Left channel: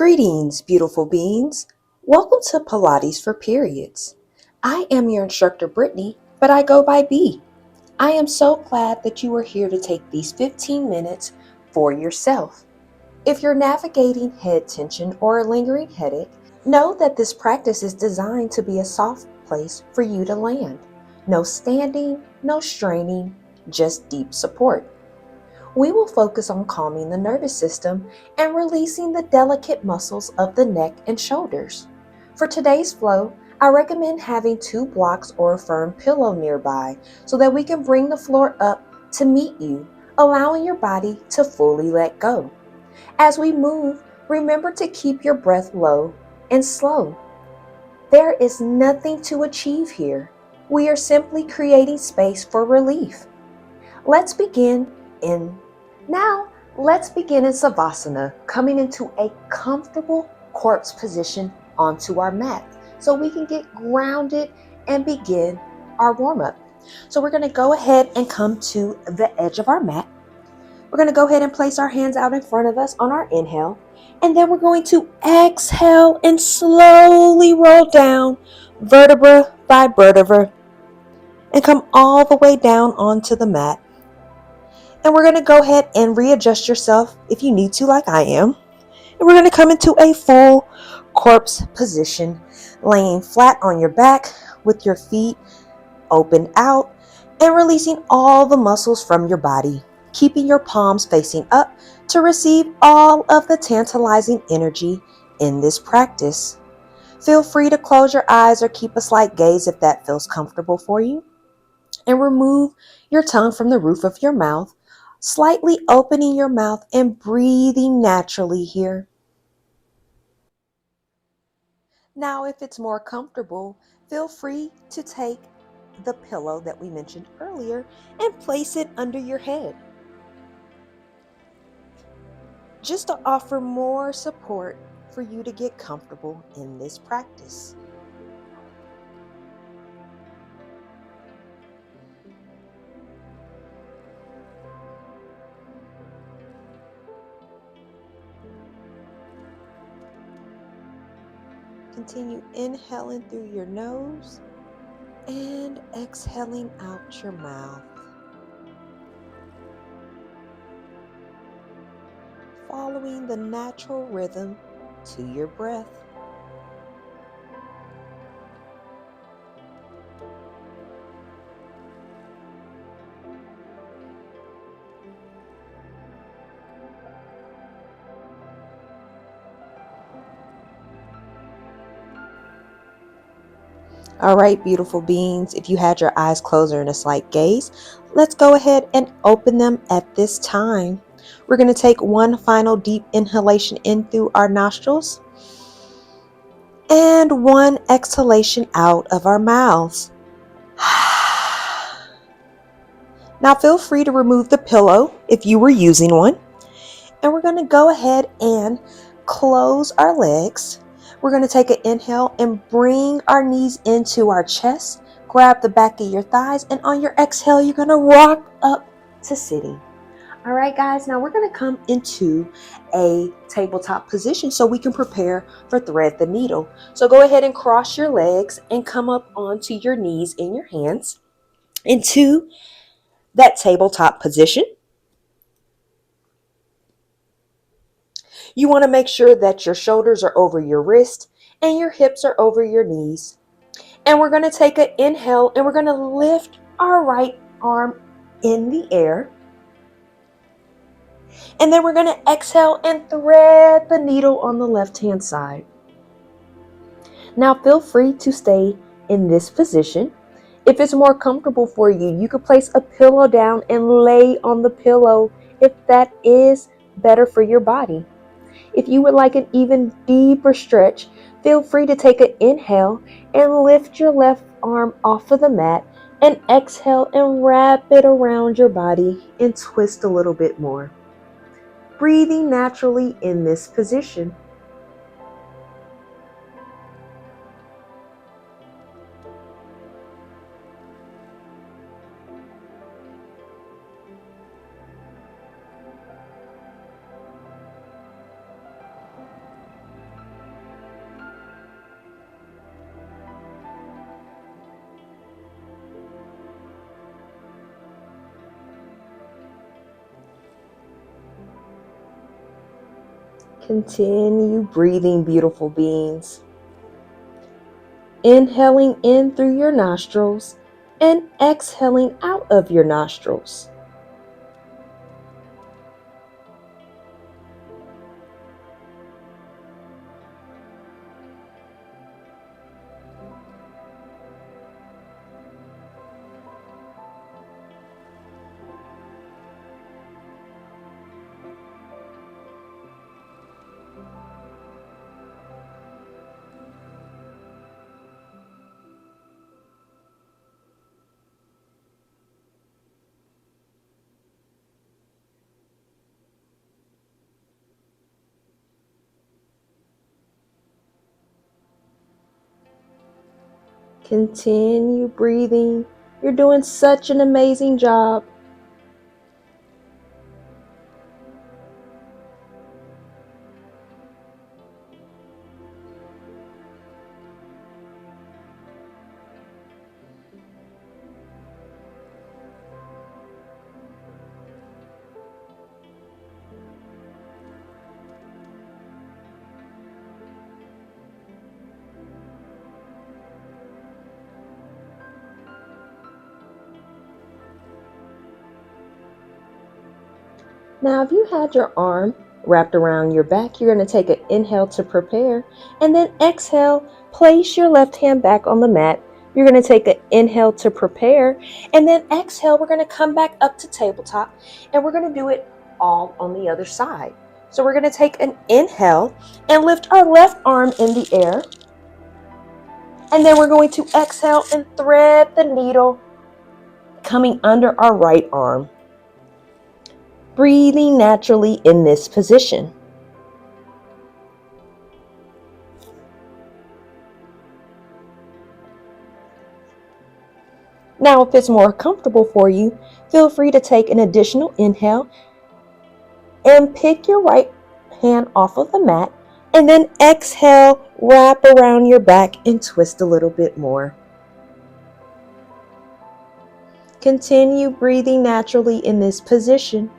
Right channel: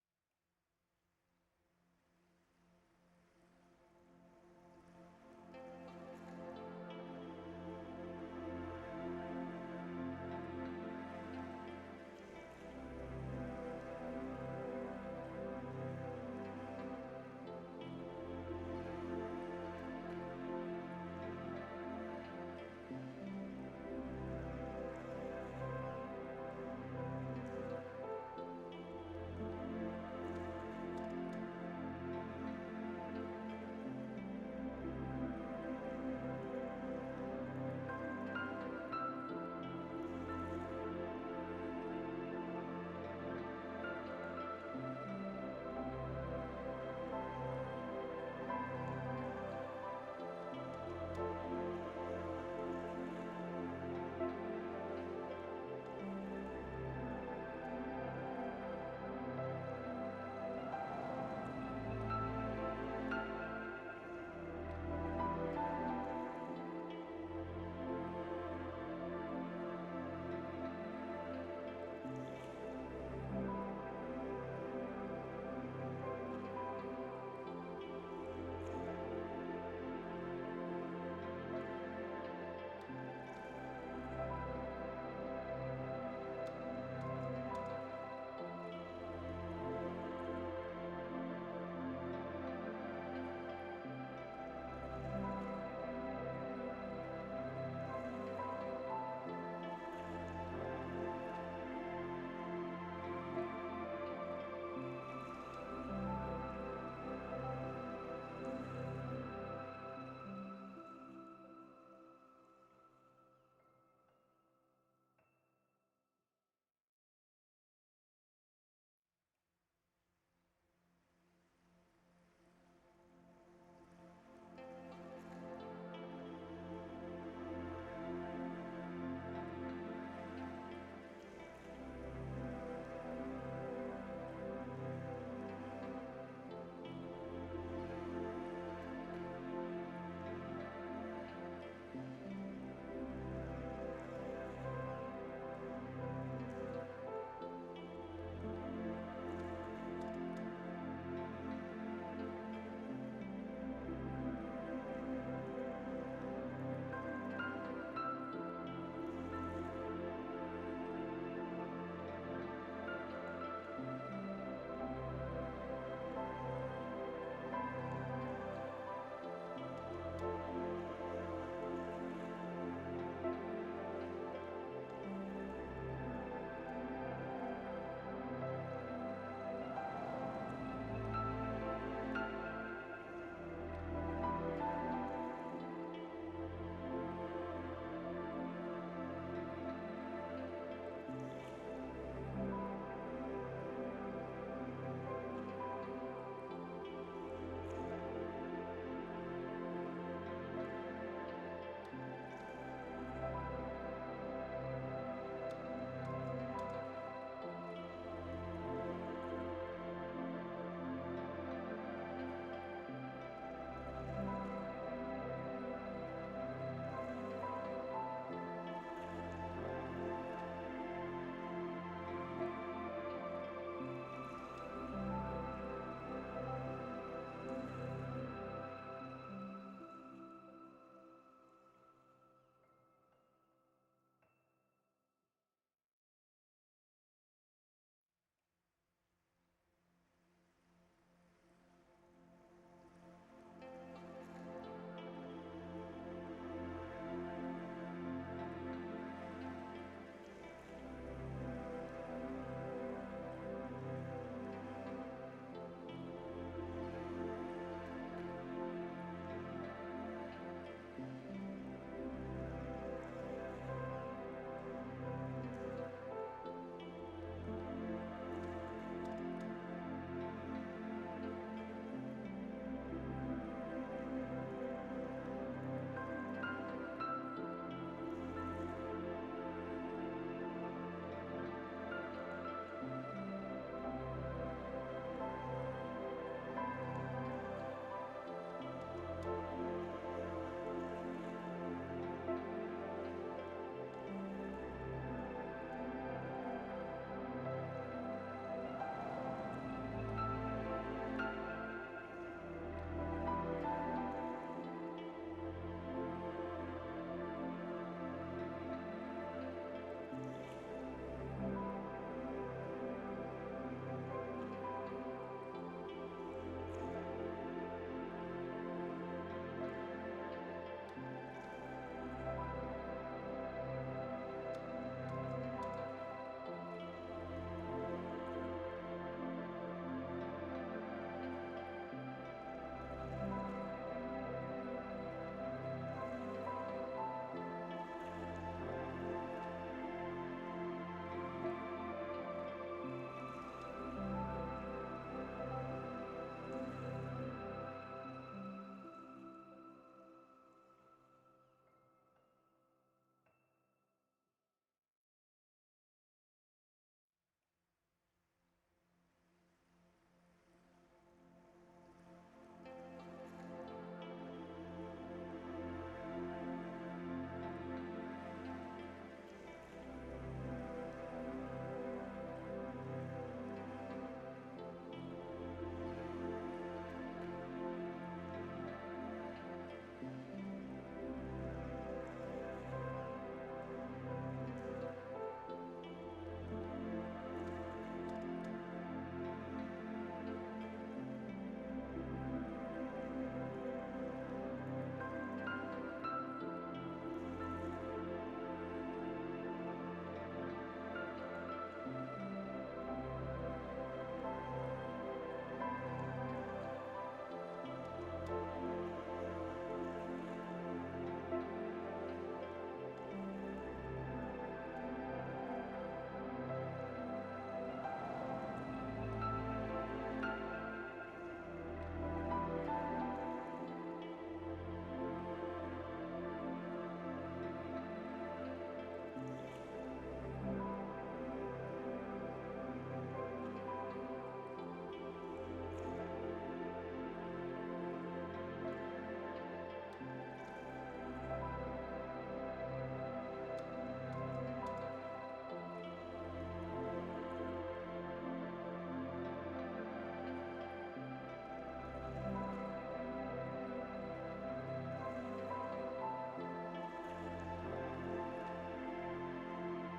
Greetings, beautiful beings. Welcome to Pilates for Periods. I am your instructor, Brittany, but I go by B. I am so glad that you are here to take these 15 minutes for yourself. If you're navigating head tension or a lingering headache, know that this practice is designed to be a soft place for you to land. No standing, no straining, just deep support. We will focus on calming the nervous system and releasing the delicate muscles of the neck and shoulders. For today's flow, I recommend having 2 blocks or a firm pillow nearby so that we can bring the floor up to meet you, allowing your body to fully let go. As we move, remember to keep your breath low and slow. There is nothing to achieve here. We are simply creating space for relief. Let's begin in let's begin in Savasana, coming into a comfortable corpse position onto our mat so we can get grounded and begin our warm-up. So we're going to go ahead and come to the edge of our mat. We're going to go ahead and place our hands out in front of us on our inhale, and then we're going to exhale and slowly roll down vertebra by vertebra and come all the way down onto the mat. And we're going to go ahead and readjust yourself if you need to, like I am. And we're going to come into a full corpse position, laying flat on your back with your feet open out and releasing all the muscles from your body, keeping your palms facing up to receive all of the tantalizing energy in this practice. Feel free to close your eyes or keep a slight gaze if that feels comfortable for you. And remove your tongue from the roof of your mouth, slightly opening your mouth and breathing naturally here. Now, if it's more comfortable, feel free to take the pillow that we mentioned earlier and place it under your head, just to offer more support for you to get comfortable in this practice. Continue inhaling through your nose and exhaling out your mouth. Following the natural rhythm to your breath. All right, beautiful beings, if you had your eyes closed or in a slight gaze, let's go ahead and open them at this time. We're going to take one final deep inhalation in through our nostrils and one exhalation out of our mouths. Now feel free to remove the pillow if you were using one. And we're going to go ahead and close our legs. We're going to take an inhale and bring our knees into our chest. Grab the back of your thighs, and on your exhale, you're going to rock up to sitting. All right, guys, now we're going to come into a tabletop position so we can prepare for thread the needle. So go ahead and cross your legs and come up onto your knees in your hands into that tabletop position. You want to make sure that your shoulders are over your wrist and your hips are over your knees. And we're going to take an inhale and we're going to lift our right arm in the air. And then we're going to exhale and thread the needle on the left-hand side. Now feel free to stay in this position. If it's more comfortable for you, you could place a pillow down and lay on the pillow if that is better for your body. If you would like an even deeper stretch, feel free to take an inhale and lift your left arm off of the mat and exhale and wrap it around your body and twist a little bit more. Breathing naturally in this position. Continue breathing, beautiful beings. Inhaling in through your nostrils and exhaling out of your nostrils. Continue breathing. You're doing such an amazing job. Now, if you had your arm wrapped around your back, you're going to take an inhale to prepare, and then exhale, place your left hand back on the mat. You're going to take an inhale to prepare, and then exhale, we're going to come back up to tabletop, and we're going to do it all on the other side. So we're going to take an inhale and lift our left arm in the air, and then we're going to exhale and thread the needle coming under our right arm. Breathing naturally in this position. Now, if it's more comfortable for you, feel free to take an additional inhale and pick your right hand off of the mat, and then exhale, wrap around your back and twist a little bit more. Continue breathing naturally in this position.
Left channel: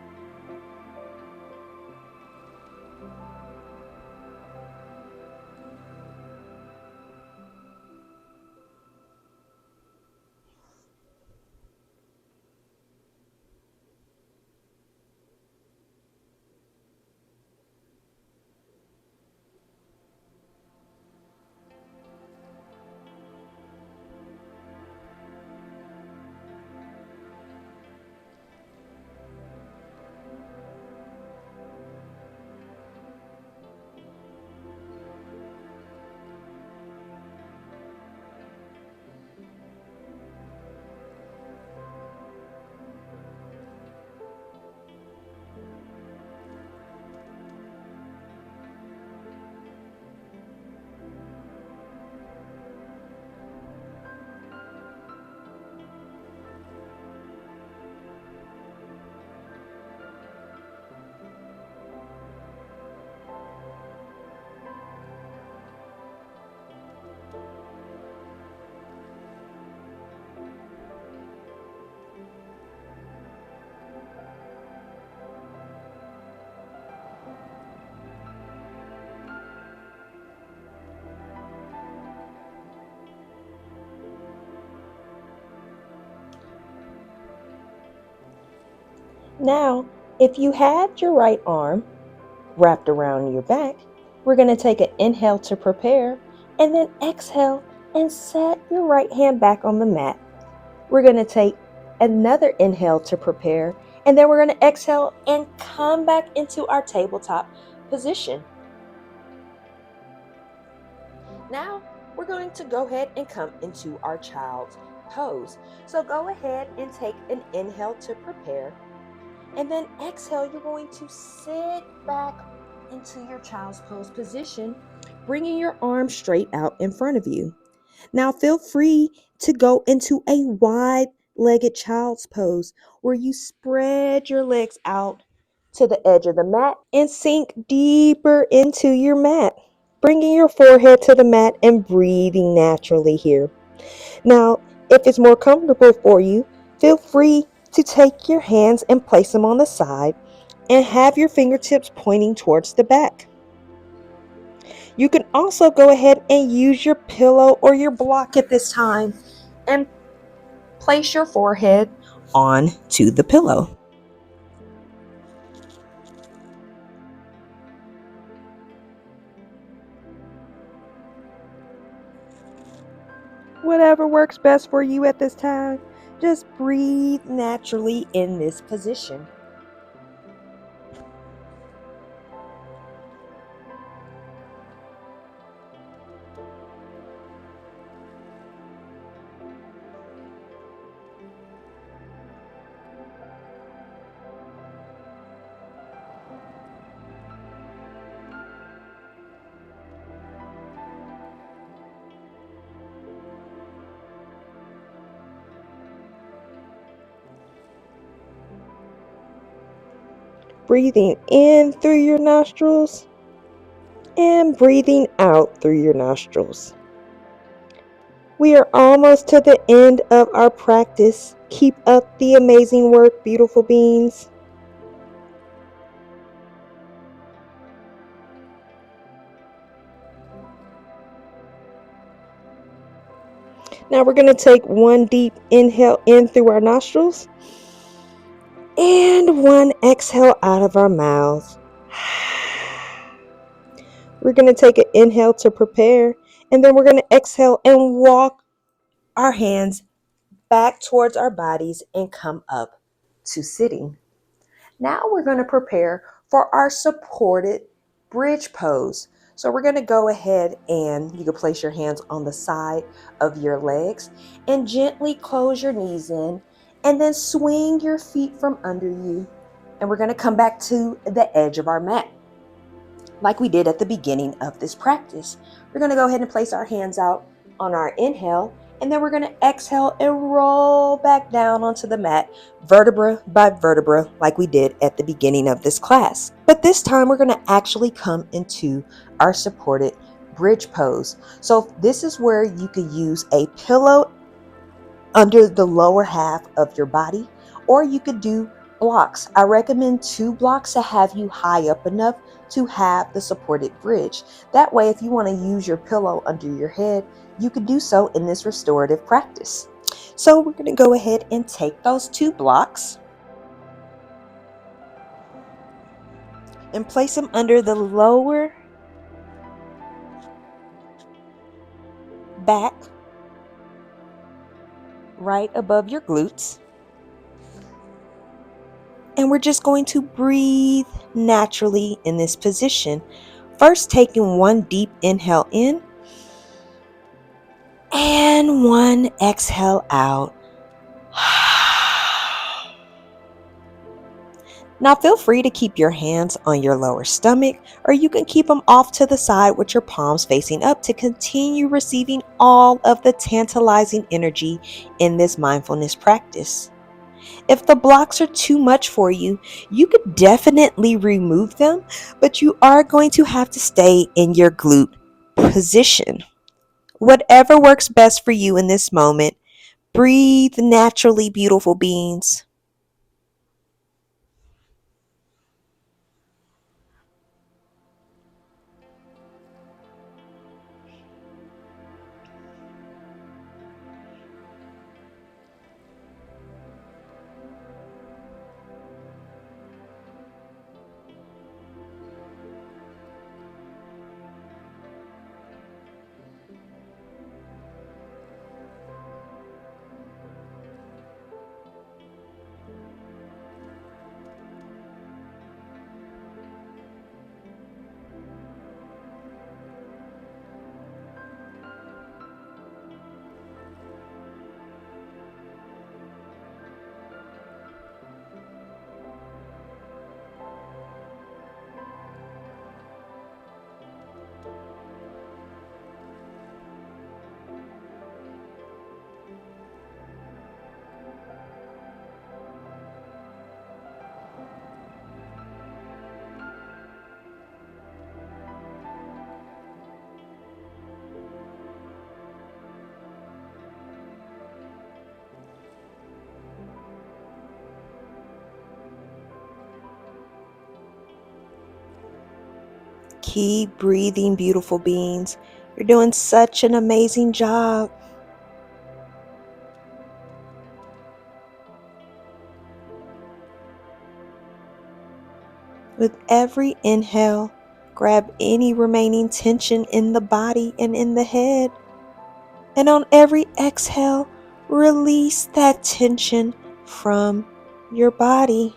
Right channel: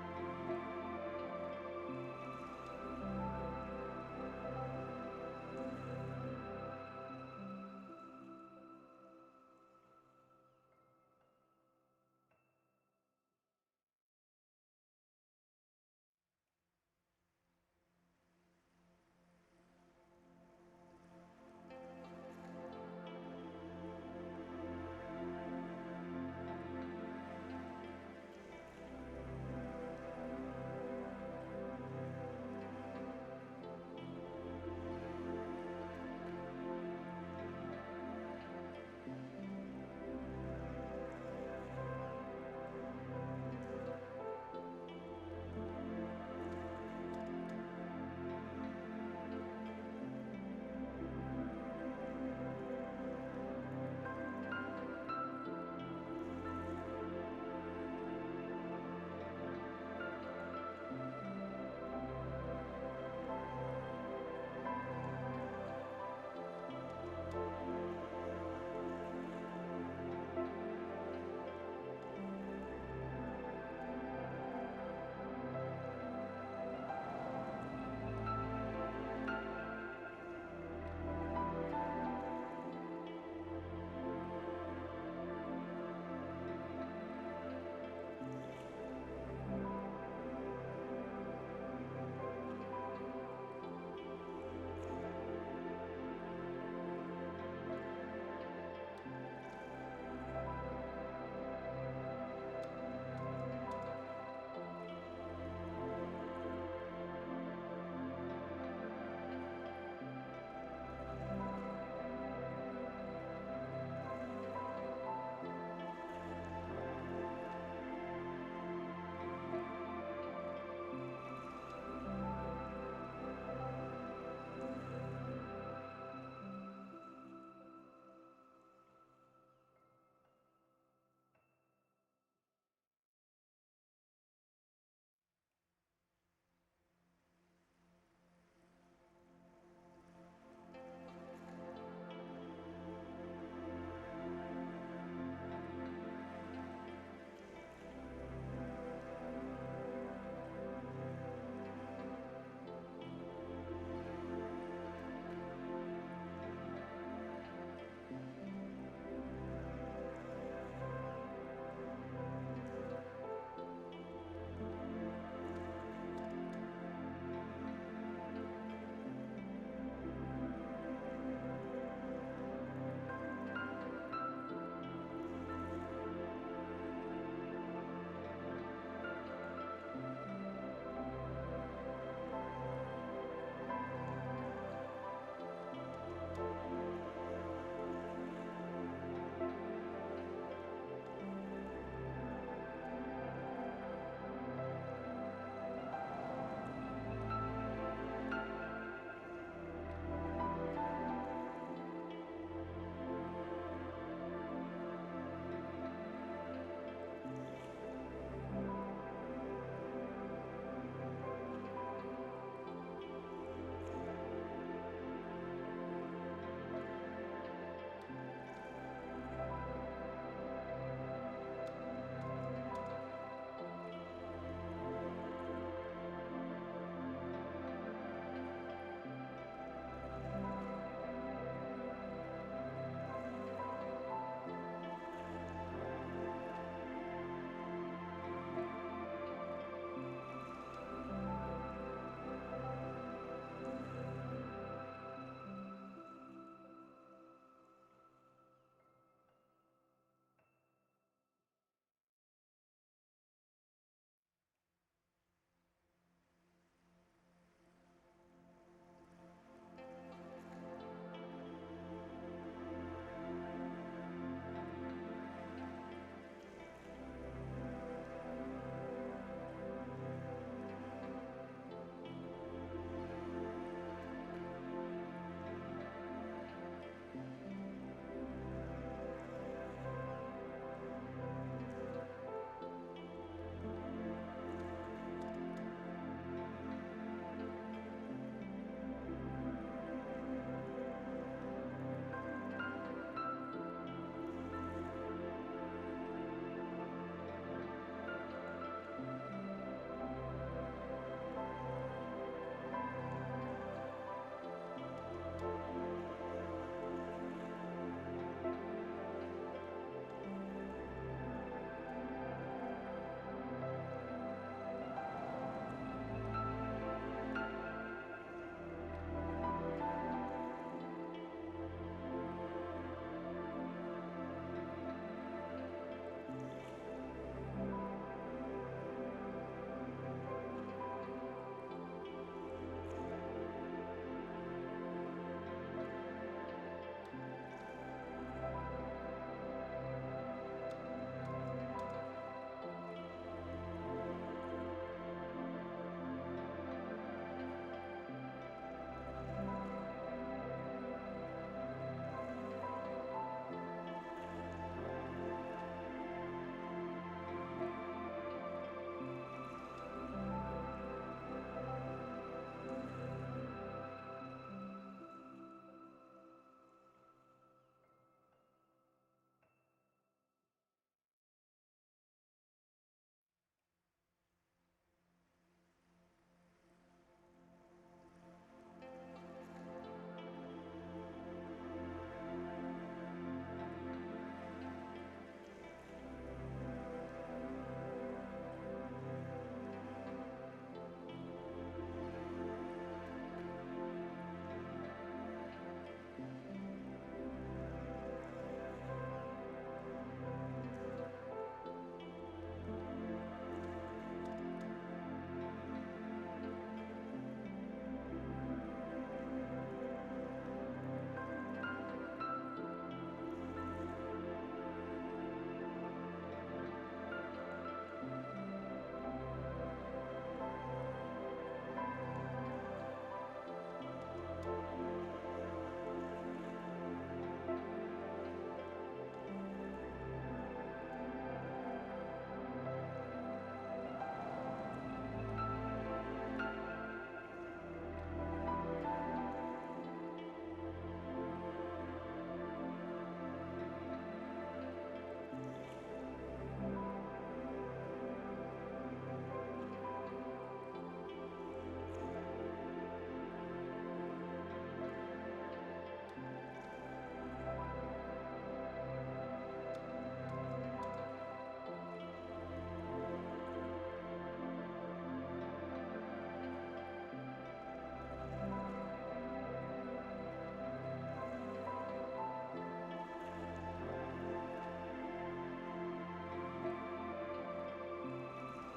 Now, if you had your right arm wrapped around your back, we're going to take an inhale to prepare, and then exhale and set your right hand back on the mat. We're going to take another inhale to prepare, and then we're going to exhale and come back into our tabletop position. Now, we're going to go ahead and come into our child's pose. So go ahead and take an inhale to prepare, and then exhale, you're going to sit back into your child's pose position, bringing your arms straight out in front of you. Now, feel free to go into a wide-legged child's pose where you spread your legs out to the edge of the mat and sink deeper into your mat, bringing your forehead to the mat and breathing naturally here. Now, if it's more comfortable for you, feel free to take your hands and place them on the side and have your fingertips pointing towards the back. You can also go ahead and use your pillow or your block at this time and place your forehead onto the pillow. Whatever works best for you at this time, just breathe naturally in this position. Breathing in through your nostrils and breathing out through your nostrils. We are almost to the end of our practice. Keep up the amazing work, beautiful beings. Now we're going to take one deep inhale in through our nostrils and one exhale out of our mouth. We're going to take an inhale to prepare, and then we're going to exhale and walk our hands back towards our bodies and come up to sitting. Now we're going to prepare for our supported bridge pose. So we're going to go ahead and you can place your hands on the side of your legs and gently close your knees in and then swing your feet from under you. And we're going to come back to the edge of our mat like we did at the beginning of this practice. We're going to go ahead and place our hands out on our inhale, and then we're going to exhale and roll back down onto the mat, vertebra by vertebra, like we did at the beginning of this class. But this time we're going to actually come into our supported bridge pose. So this is where you could use a pillow under the lower half of your body, or you could do blocks. I recommend 2 blocks to have you high up enough to have the supported bridge. That way, if you want to use your pillow under your head, you could do so in this restorative practice. So we're going to go ahead and take those 2 blocks and place them under the lower back, right above your glutes. And we're just going to breathe naturally in this position. First, taking one deep inhale in and one exhale out. Now feel free to keep your hands on your lower stomach, or you can keep them off to the side with your palms facing up to continue receiving all of the tantalizing energy in this mindfulness practice. If the blocks are too much for you, you could definitely remove them, but you are going to have to stay in your glute position. Whatever works best for you in this moment, breathe naturally, beautiful beings. Keep breathing, beautiful beings. You're doing such an amazing job. With every inhale, grab any remaining tension in the body and in the head. And on every exhale, release that tension from your body.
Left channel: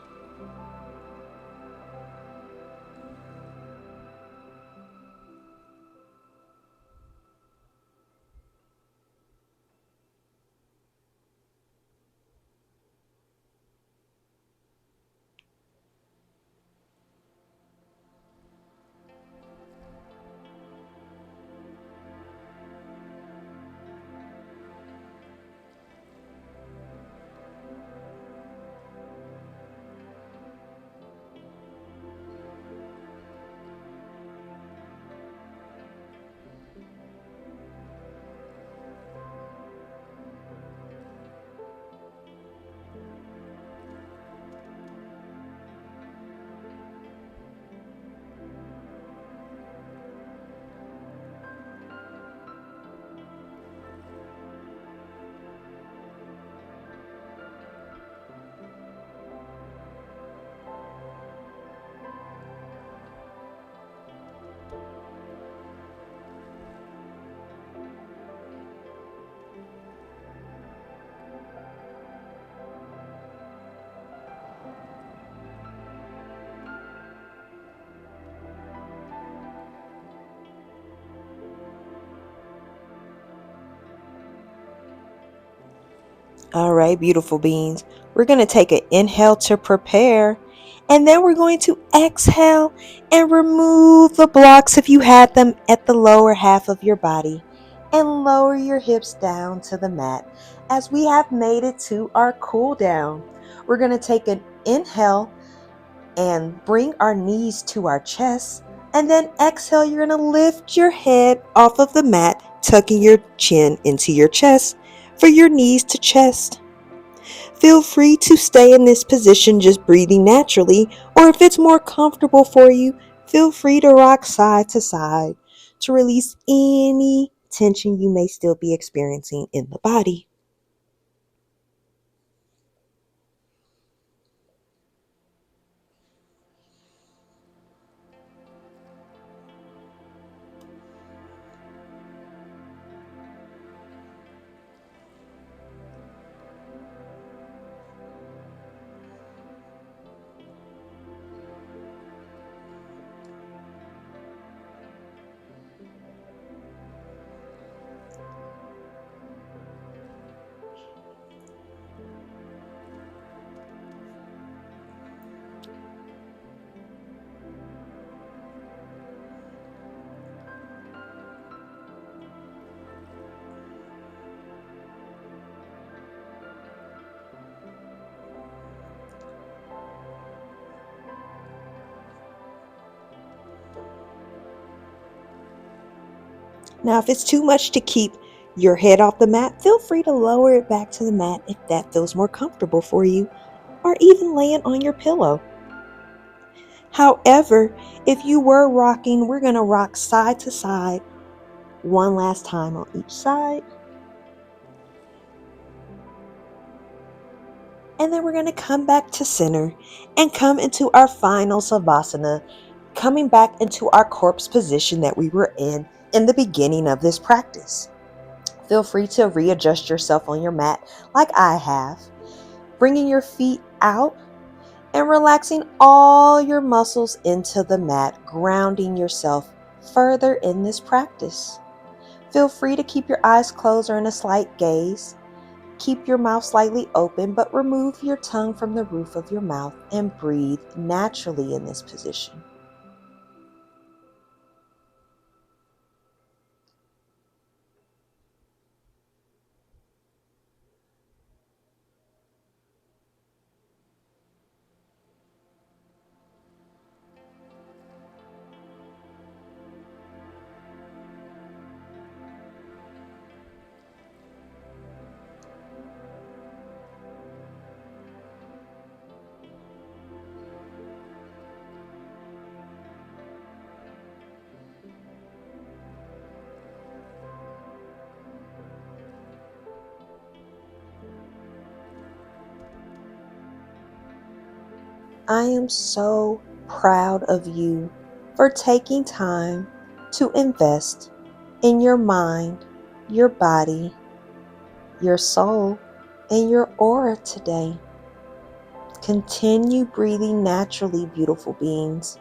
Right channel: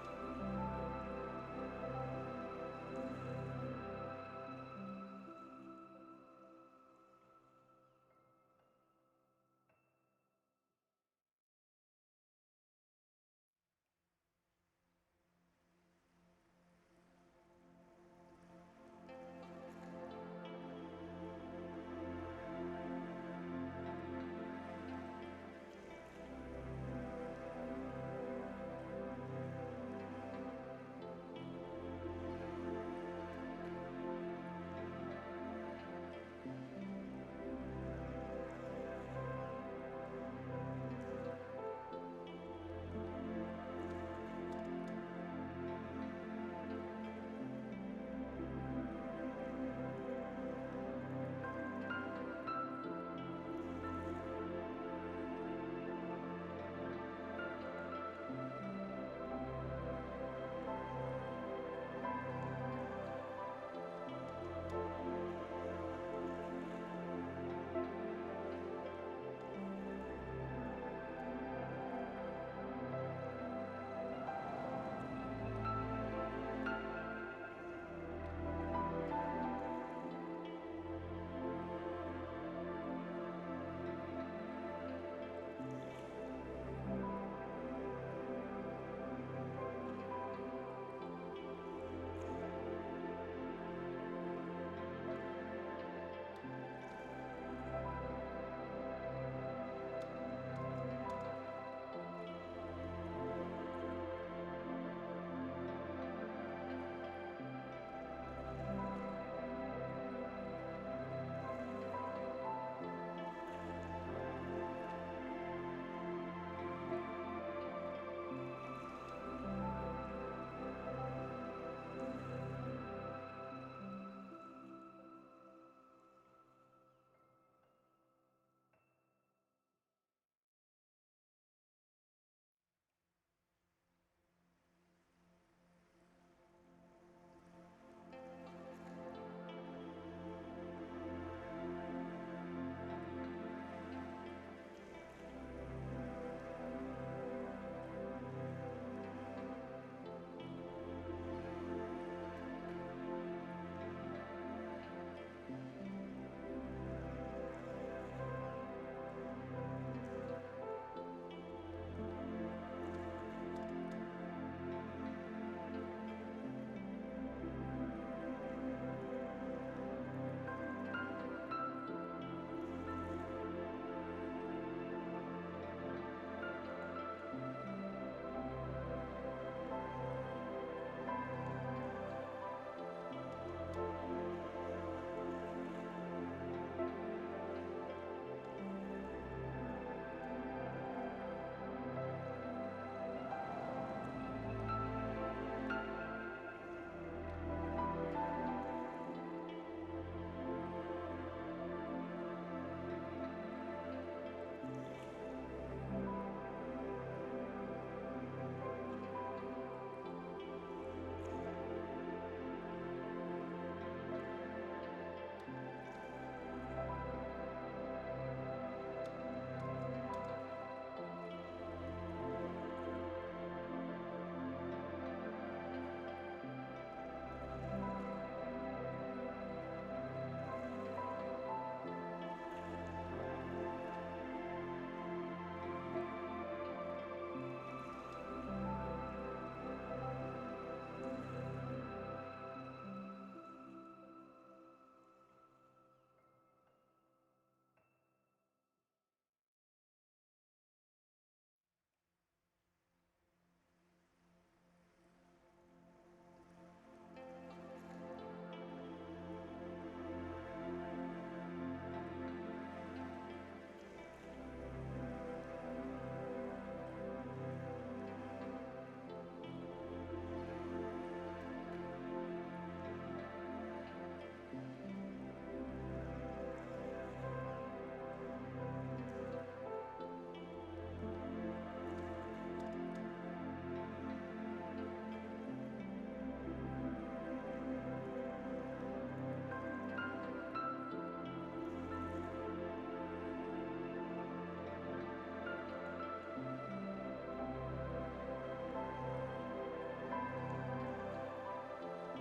All right, beautiful beings. We're going to take an inhale to prepare, and then we're going to exhale and remove the blocks if you had them at the lower half of your body, and lower your hips down to the mat as we have made it to our cool down. We're going to take an inhale and bring our knees to our chest, and then exhale, you're going to lift your head off of the mat, tucking your chin into your chest for your knees to chest. Feel free to stay in this position just breathing naturally, or if it's more comfortable for you, feel free to rock side to side to release any tension you may still be experiencing in the body. Now, if it's too much to keep your head off the mat, feel free to lower it back to the mat if that feels more comfortable for you, or even lay it on your pillow. However, if you were rocking, we're going to rock side to side one last time on each side. And then we're going to come back to center and come into our final Savasana, coming back into our corpse position that we were in the beginning of this practice. Feel free to readjust yourself on your mat like I have, bringing your feet out and relaxing all your muscles into the mat, grounding yourself further in this practice. Feel free to keep your eyes closed or in a slight gaze. Keep your mouth slightly open, but remove your tongue from the roof of your mouth and breathe naturally in this position. I am so proud of you for taking time to invest in your mind, your body, your soul, and your aura today. Continue breathing naturally, beautiful beings.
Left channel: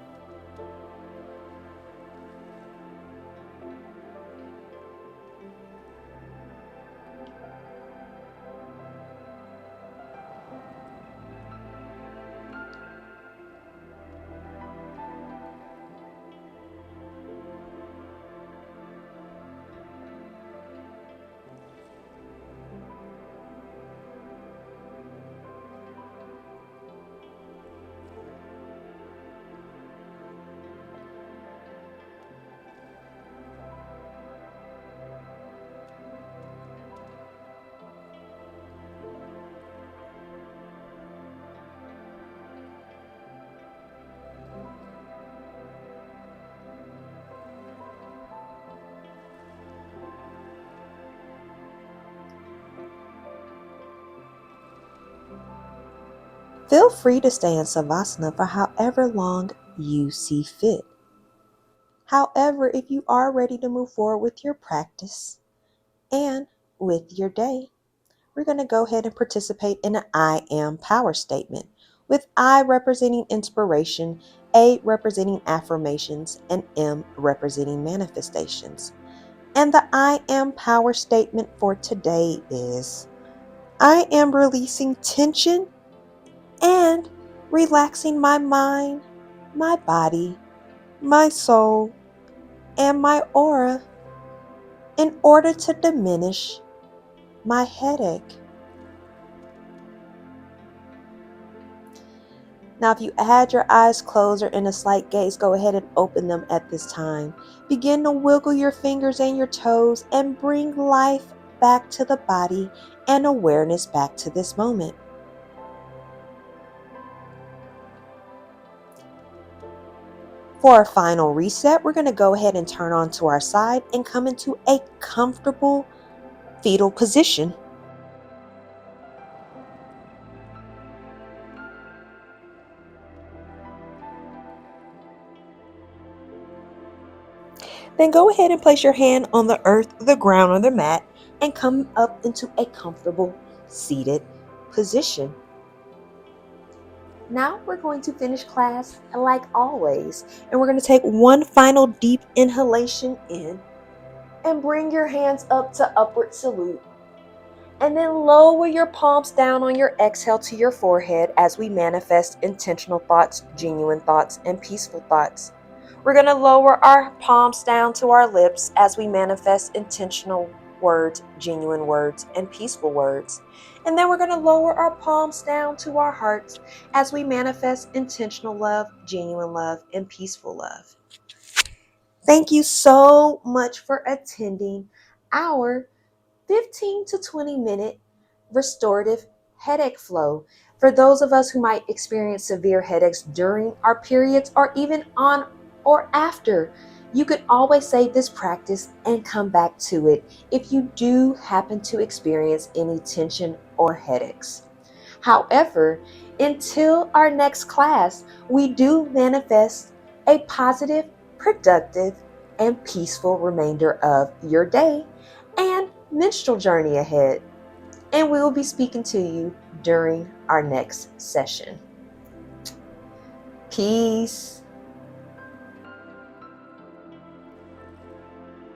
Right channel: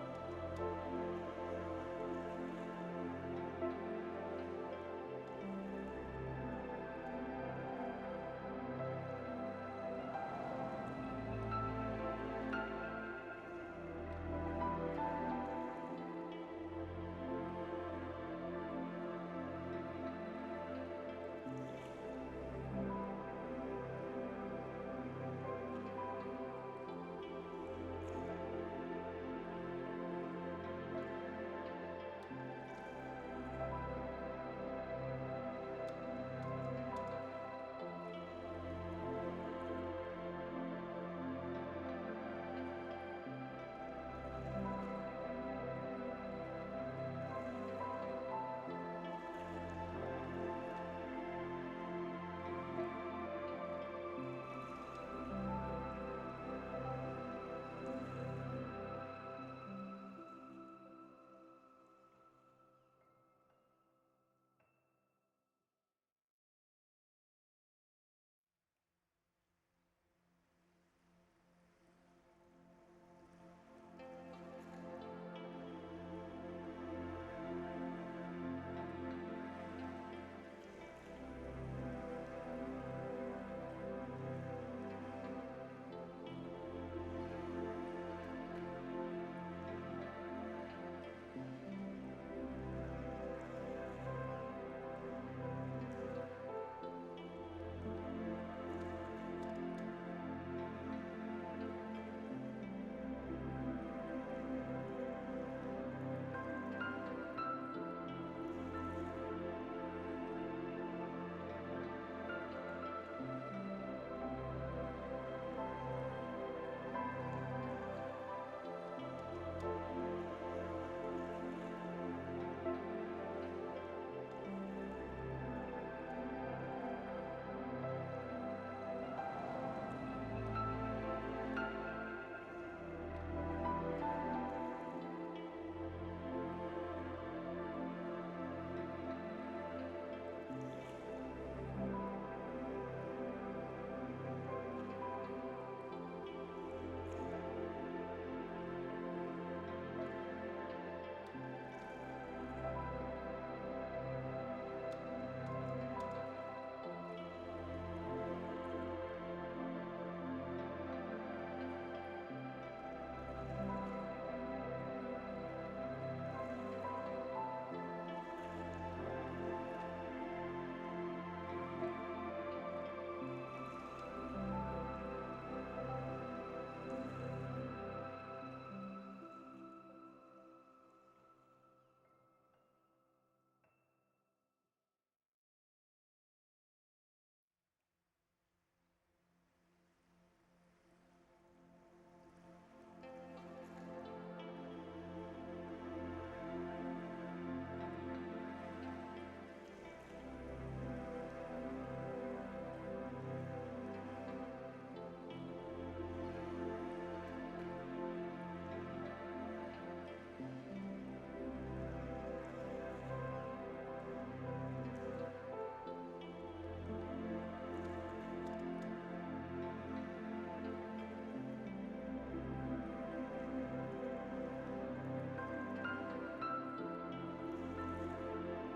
Feel free to stay in Savasana for however long you see fit. However, if you are ready to move forward with your practice and with your day, we're going to go ahead and participate in an I am power statement, with I representing inspiration, A representing affirmations, and M representing manifestations. And the I am power statement for today is: I am releasing tension and relaxing my mind, my body, my soul, and my aura in order to diminish my headache. Now, if you had your eyes closed or in a slight gaze, go ahead and open them at this time. Begin to wiggle your fingers and your toes and bring life back to the body and awareness back to this moment. For our final reset, we're going to go ahead and turn onto our side and come into a comfortable fetal position. Then go ahead and place your hand on the earth, the ground, or the mat and come up into a comfortable seated position. Now we're going to finish class like always, and we're going to take one final deep inhalation in and bring your hands up to upward salute. And then lower your palms down on your exhale to your forehead as we manifest intentional thoughts, genuine thoughts, and peaceful thoughts. We're going to lower our palms down to our lips as we manifest intentional words, genuine words, and peaceful words. And then we're going to lower our palms down to our hearts as we manifest intentional love, genuine love, and peaceful love. Thank you so much for attending our 15 to 20-minute restorative headache flow. For those of us who might experience severe headaches during our periods or even on or after, you could always save this practice and come back to it if you do happen to experience any tension or headaches. However, until our next class, we do manifest a positive, productive, and peaceful remainder of your day and menstrual journey ahead. And we will be speaking to you during our next session. Peace.